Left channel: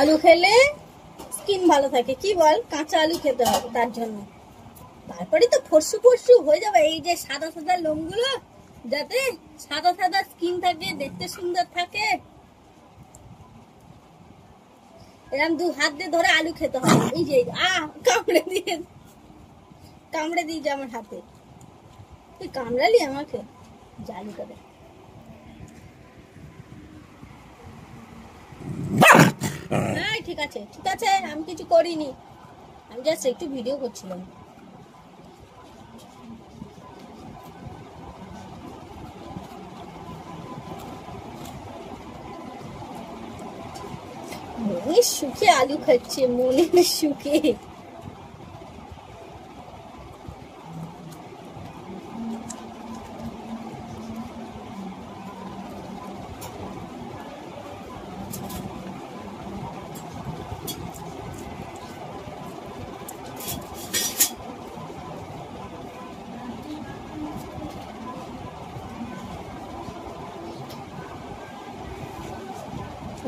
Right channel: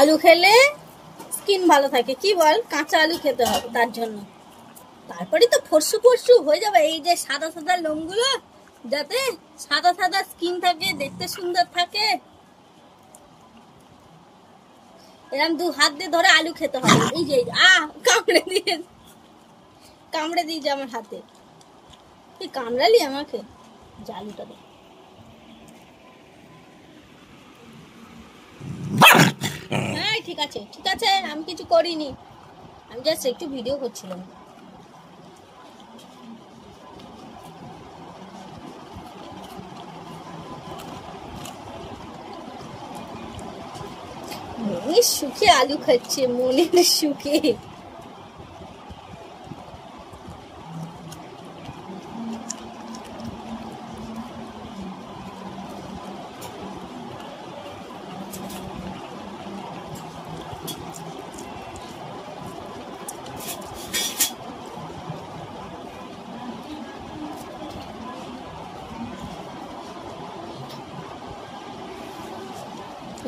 আলু খেলে স্কিন ভালো থাকে, কি বল? কাঁচা আলু খেতে হবে তার জন্য। তারপরে তো ফর্সু ফর্সু হয়ে যাবে। এই যে সাদা সাদা লোমগুলো, যাতে সাদা সাদা স্কিন থাকে, দেখতে সুন্দর থাকে। এরকম 2 হাত দিয়ে ধরে আলু খেতে হবে। এই যে কামড়ে দিয়েছে আমার হাতে। তুই কামড়ালি আমাকে? জালুটা দে। হ্যাঁ ঠিক আছে ঠিক আছে, আমি কিছু করিনি, আমি জাস্ট একটু ভিডিও করছিলাম। মনের সুখে আলু খাচ্ছে, মনের সুখে।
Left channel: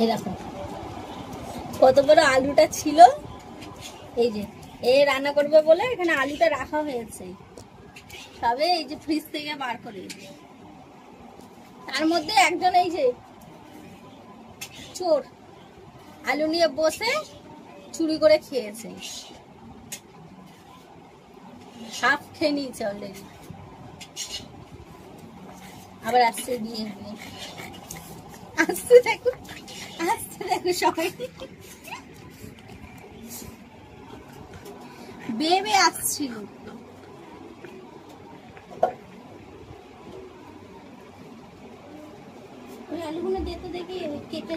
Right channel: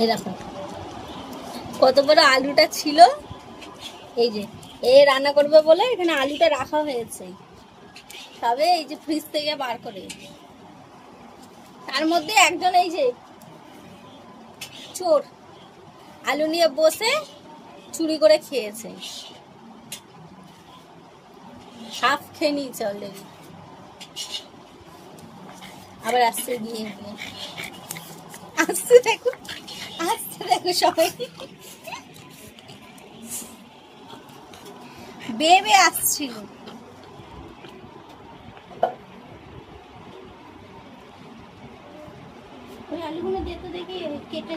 এই দেখো কত বড় আলুটা ছিল। এই যে রান্না করবে বলে এখানে আলুটা রাখা হয়েছে, তবে এই যে ফ্রিজ থেকে বার করে। তার মধ্যে একজন এই যে চোর আলু নিয়ে বসে চুরি করে খেয়েছে, হাফ খেয়ে নিয়েছে অলরেডি। আবার আসছে গিয়ে আসছে দেখো সবাই বেবে আসছিল। ওই আলুগুলো দিয়ে তো দেখি কেটে